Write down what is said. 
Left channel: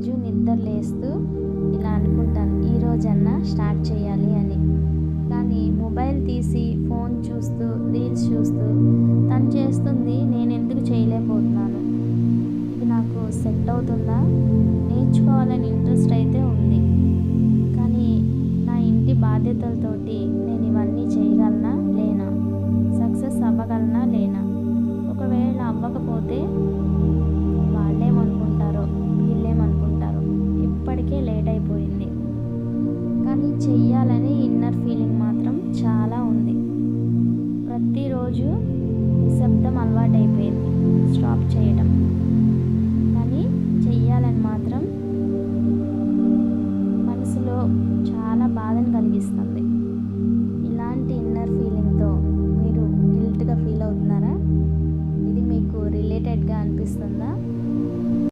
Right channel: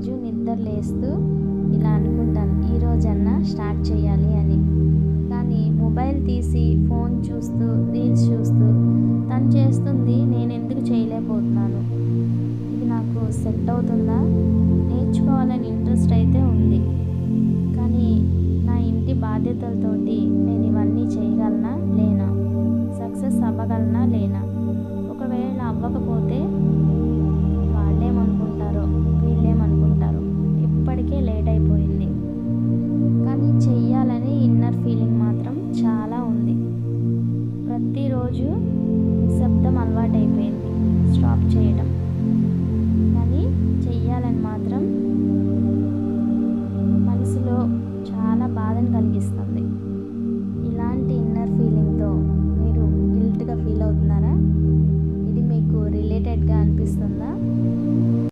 ప్రతిరోజు నిద్ర లేస్తూ ఇలా అనుకుంటాను, ఈరోజన్నా స్టార్ట్ చేయాలి అని. కానీ మొబైల్ తీసి ఫోన్ చూస్తూ రీల్స్ చూస్తూ తను చేస్తుంది, నేను ఎందుకు చేయలేకపోతున్నాను? ఇది నాకు సెట్ అవుతుందా? నేర్చుకోవాలని ఇంట్రెస్ట్ అయితే ఉంది, కానీ నా ఇంటి బాధ్యతలతోటి నేను ఇవన్నీ చేయగలనా లేనా? సక్సెస్ అవ్వగలనా లేనా? ఒకవేళ అవ్వకపోతే వాళ్ళేమనుకుంటారో వీళ్ళేమనుకుంటారో, ఇప్పటికే లేట్ అయిపోయింది. కానీ చెయ్యాలని ఇన్నర్ ఫీలింగ్ మాత్రం చాలా ఉంది. ప్రతిరోజు శబ్దం అలవాటైపోయింది స్టాప్ చేయడం, కానీ చెయ్యాలని మాత్రం మనసులో చాలా బాధను కలిగిస్తుంది. ఇలాంటి ఇన్నర్ ఫీలింగ్తో మీరు గిల్ట్గా ఫీల్ అవుతున్నారా? ఇది మీకు రిలేటెడ్గా అనిపిస్తుందా?